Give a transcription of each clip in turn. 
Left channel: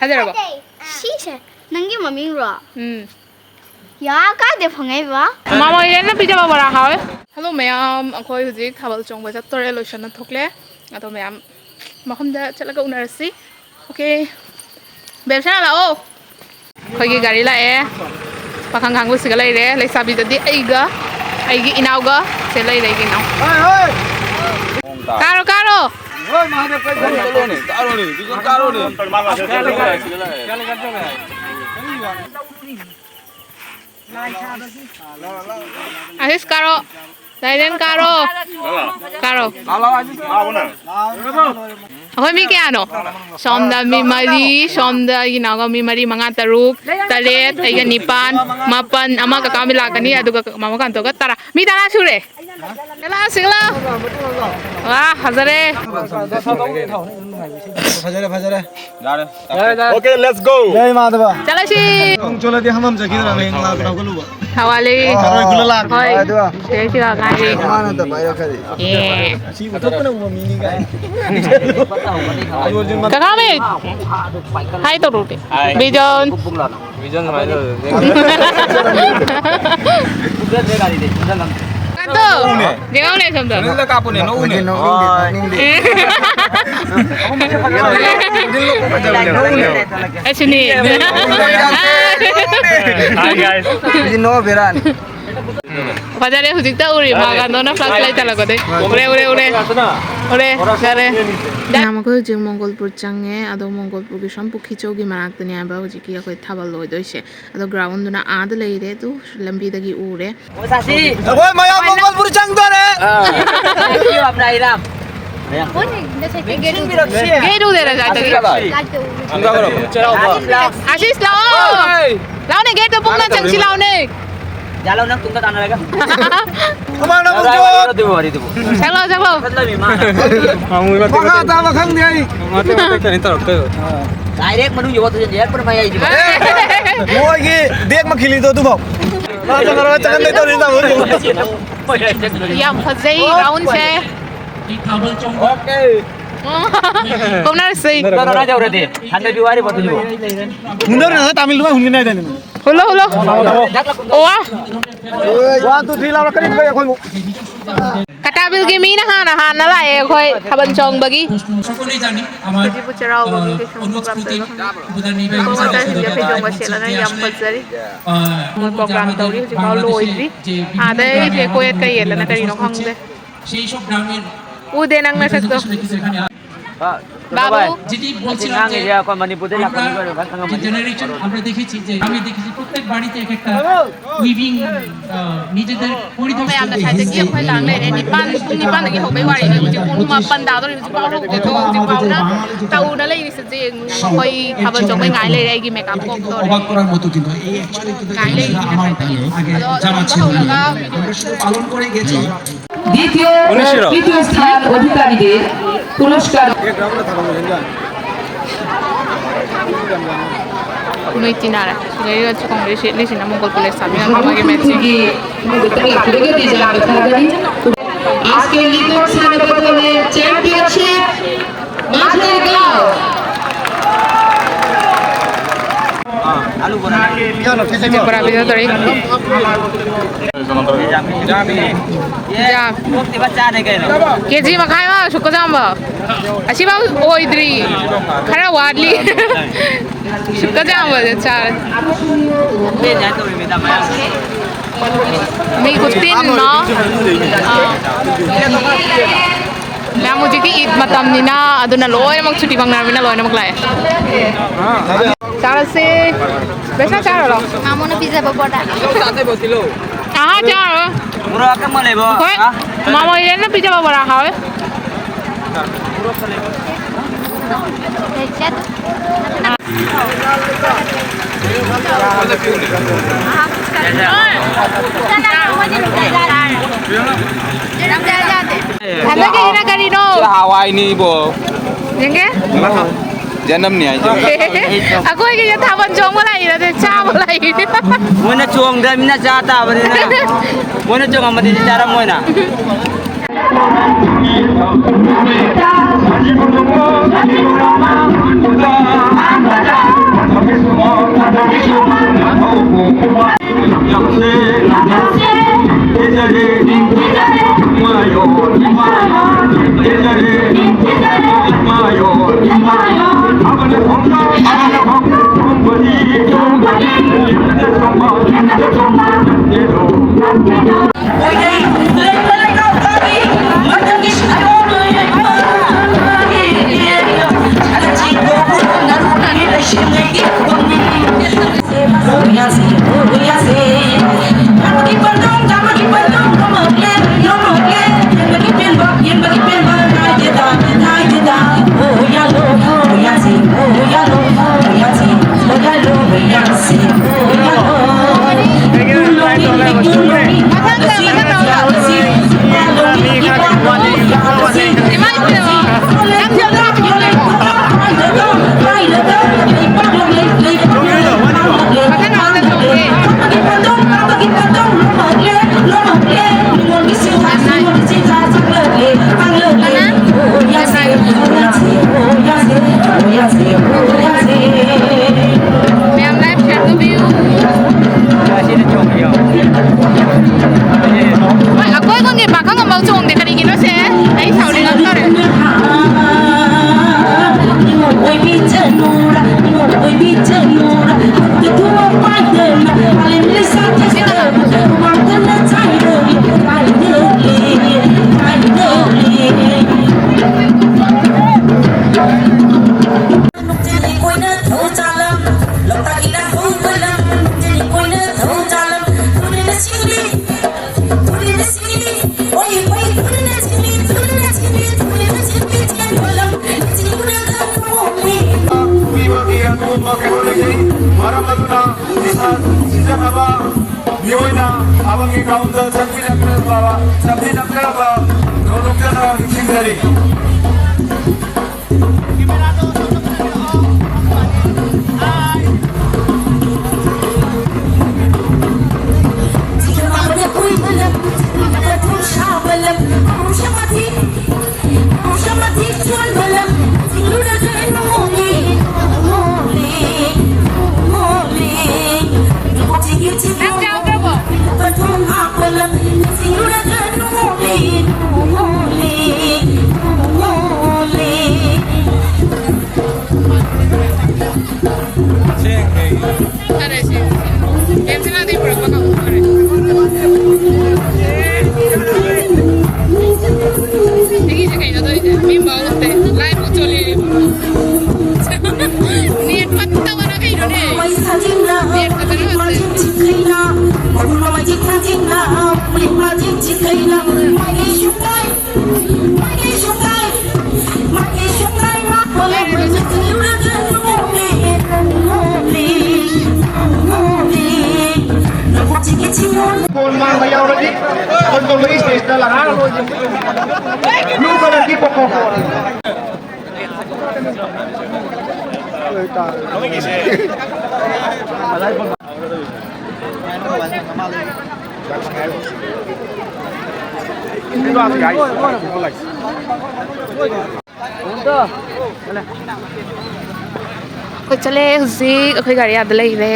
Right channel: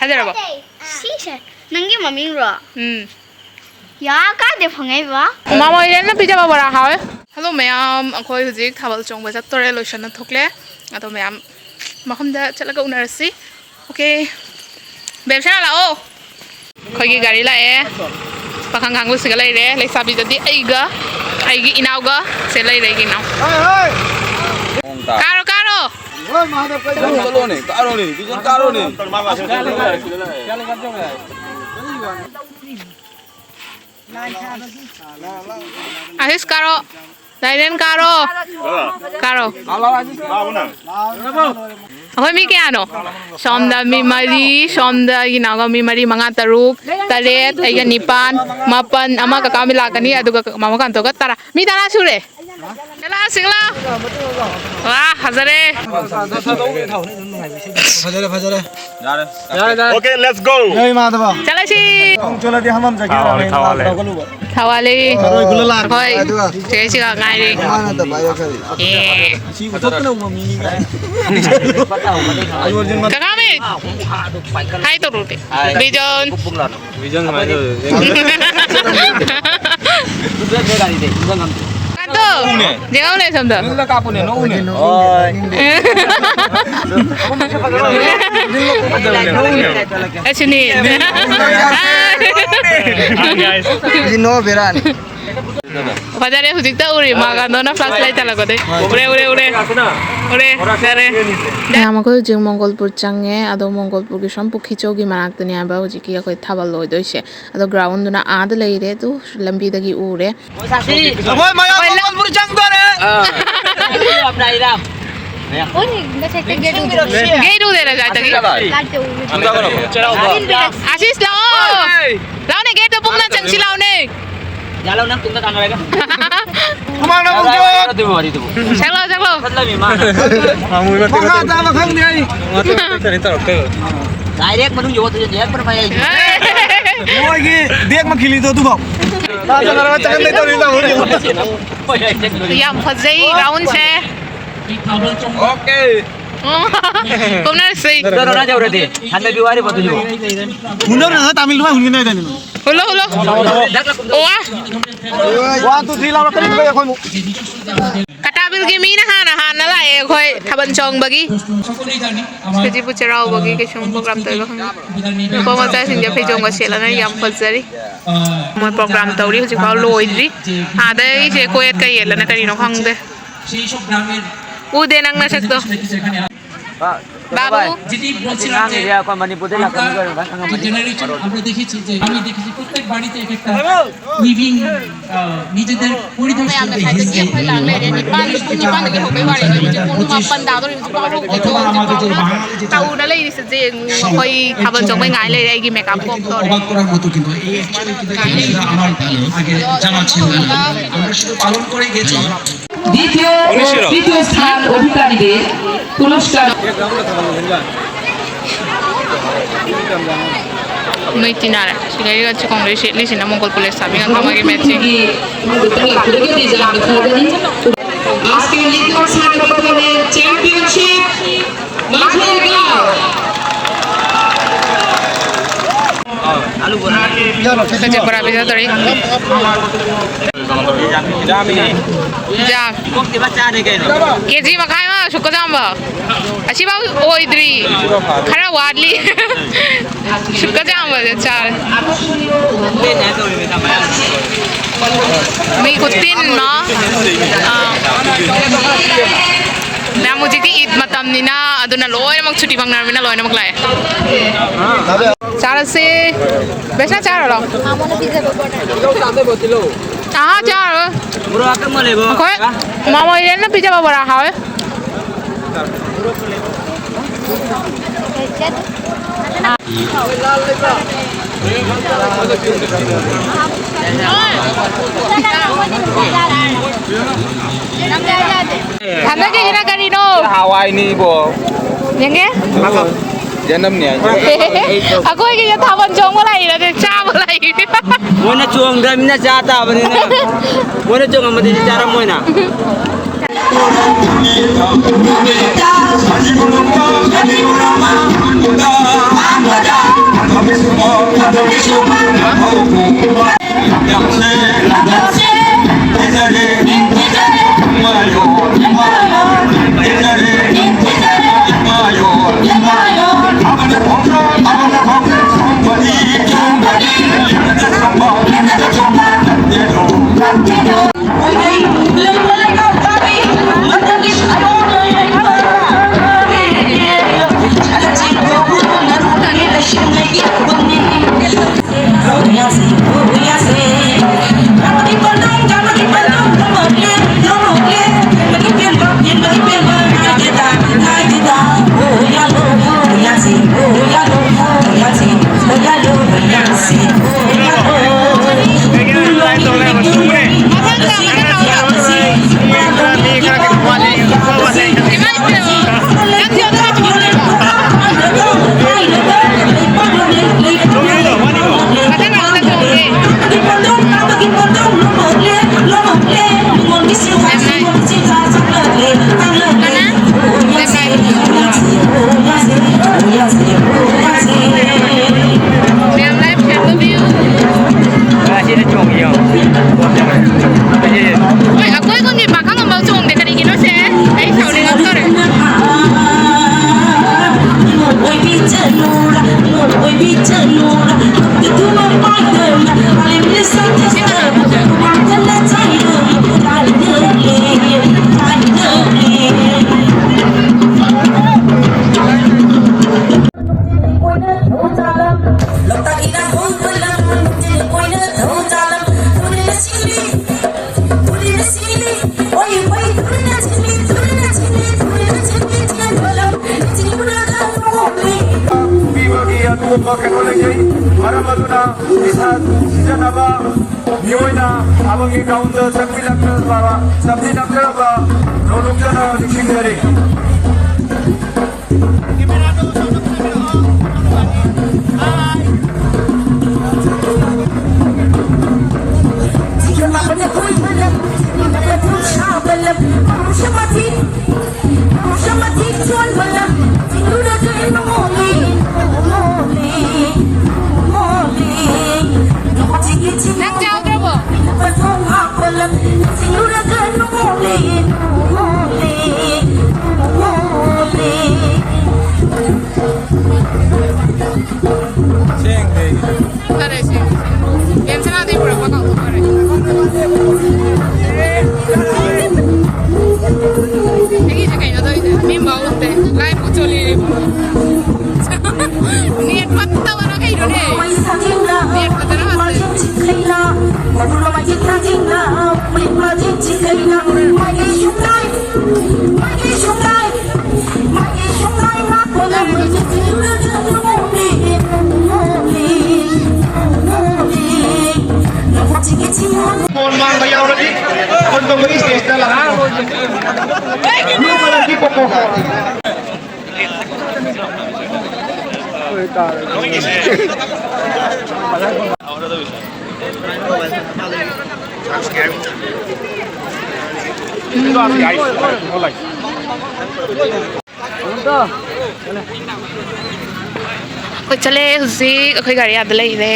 하자라봐. 시세. ನಂಗೆ mummy rho. 야까지 방해봐. 마마 이래나 피자 봐봐라 하이. Hello ma'am, akhoi hujik thabal chongba chattore lotion na thokle. Ado ma'am mahomda chalaga unarasi. Okay. Bebsana lao. Khoi gi gari lae. Pakhang khang lu siga lai re, lai sabi jadi aiga. Aigi inauga se lai re gi nau. Karo karo. Asis karo, Daiden karo, karo. Ako mi kaya ano? Somda mi mari, somda ginawa mi mari mga taruk, taret, ay ganipan, mapan, ama kakamila kani, aduga mama kanto ka tara. Mi tara sure. Kala sigla. Wah, hazare. Okay, let's go. Jai Madhava. Chala si. Chola di hamam jagi na main na kalu. Hawali. Koi. Cesi ka ngai. Mana ta bayar kali. Yeah. Si betul kan umum mini kan. Kakame. Hai to rute. Bijon. Vision mana tu? Kanto. Jangan ulai samda. Nila kapu ni, no ni. Sini. Ini no beran. Pajare hujikta uri magando na flashlight talago de. Ure. Sare. Namako jing Mongolpur change ado Mongolpur ki shampu khichogi manaktani aba hujiki akoi thabal loi doise. Ado ground na ad leire tu lambi dagi ure. Aboy maya Mongolpur chang do re. Gate udera jata ki. Asis lao. Lao ne gate pung na changsi lao ne. Jalan nak tunggu tangan mereka. Kamana bukjo. Chalo. Maka ta makhang ni ai. Direct menuju jawab tu direct pun payah itu. Moi ki dek ma khili to tu bhau. Na jara chakan de to ni ta ho. Yam phajai round se. Okay. Kung na say. Terus nak jauh berarti. Hanya 2 hari betul juga. Mundur na Tamil ma hunni na dani. Hulo. Oa. 1 2 3 la kali ko khoi mu. Katabil gi mi na hana la e khoi thaban chong bagi. Kaji pucharaw bagi ke shong program to ko ma ta singa phe jong se la na yam phajari. Mo program to ri ji ba loidri. Ade je ko et kai la na kai no khang de. Ude nang na sakto. বাবু যেটি বলছিলাম যে মণিপুরে generation আমরা দেখেছি যে আমি দেখেছি প্রত্যেক বাড়িতে এক একটা উইভিং নিজেদের পরিধান আমরা সাথে গিয়ে কই লাংলে রে নিপান থেকে হবে বাড়ি নি যে কোন মাপান দাও রে যে পাও যে তো তাও না লাই দিছে যে কই খাবার জমে গাইলে রে কি মেকআপ করতে অবাক করার মতো কিন্তু এই অ্যাকচুয়ালি কিন্তু আমার তালে আগে জানা ছিল না আমরা শুধু পালন করে গেছি দ্বিতীয় স্থান অধিকারীদের পুরস্কার Noi tinara, sigari ga chikong le sina Mongol police sabi nga kamagi matching. আজকে দ্বিতীয় স্থানে পদকে চ্যাম্পিয়নশিপ মাঠের গাঁও alu bola. Kaje para bisa tori. Jam. Kok dibaca deh kayaknya. Keji makai ma suka jamba. Ashi ba oidri. Khara wadli. Suka jamba je char. Beda tu minta bayar. Mi kutin no. Na muji ki Eid matam ni na aduna loy namak chuti bang narmina loy namak lai. Char se besa char lo. Amona pizza bakota. Kau tak ada botilo. Aha char. Bro akan mana bo? Koi mama ile na pizza ba bora hawe. Handa ke gina kari no. Hawaii ni bo. Yang ke? Janam ni aja. Aku lagi je thaban jong malai na de cha malai. Mana cuang dah mina jata beri na. Mana cuang amat di cara mana. ꯁꯤꯡꯖꯔꯤ Ôi chale husi akhoi gari ada lai le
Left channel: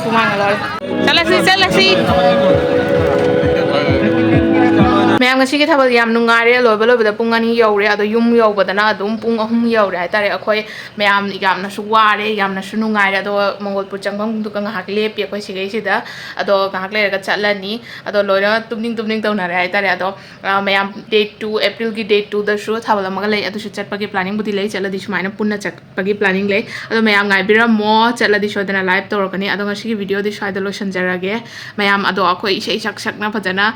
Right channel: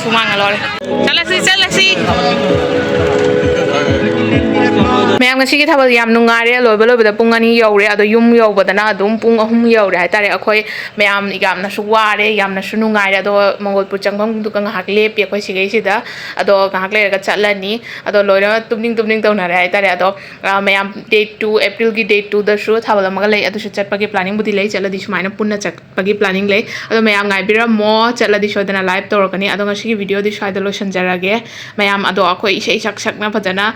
sumang alor chalasi ma'am ngasi ki thabal yam nungare loiba loiba pung ani yaure ado yum yaubadana adum pung ahum yaure haitare akhoi ma'am igam na su ware yam na su nungare ado mongolpur changpham du ka ngahak lepi akhoi sigai sida ado ngahak le ga chatlani ado loina tumning taunare haitare ado ma'am date 2 April gi date 2 da su thabal amaga lei adu su chatpa gi planning budi lei chaladi sumaina punna chatpa gi planning lei ado ma'am ngai bira mo chatladi shodana live torokani ado ngasi gi video di shaida lo sanjarage ma'am ado akhoi isei sak sakna phajana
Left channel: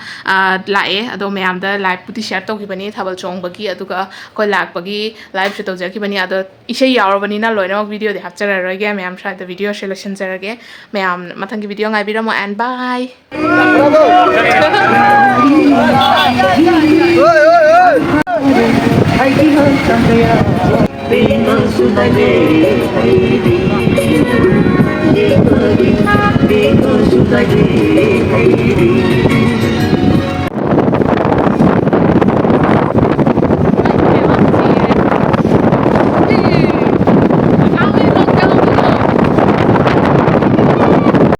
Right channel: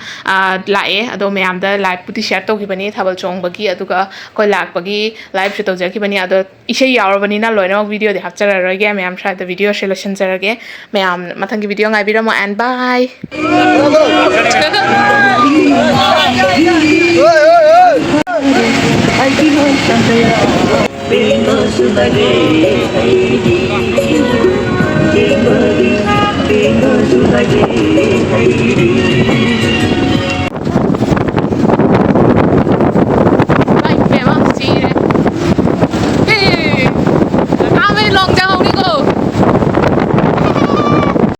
lae ado ma'am दा live पुटी share तौखिबनी थाबल चोंगबगी अदुगा कोइ लाकबगी live से तौजरखिबनी अदो इसे यावरबनीना लोइनमक वीडियो दे हापचररगे मैम शायद वीडियो सोल्यूशन जरगे मैम मथंगी वीडियो गाइबिरमो एंड बाय Bingo sudage,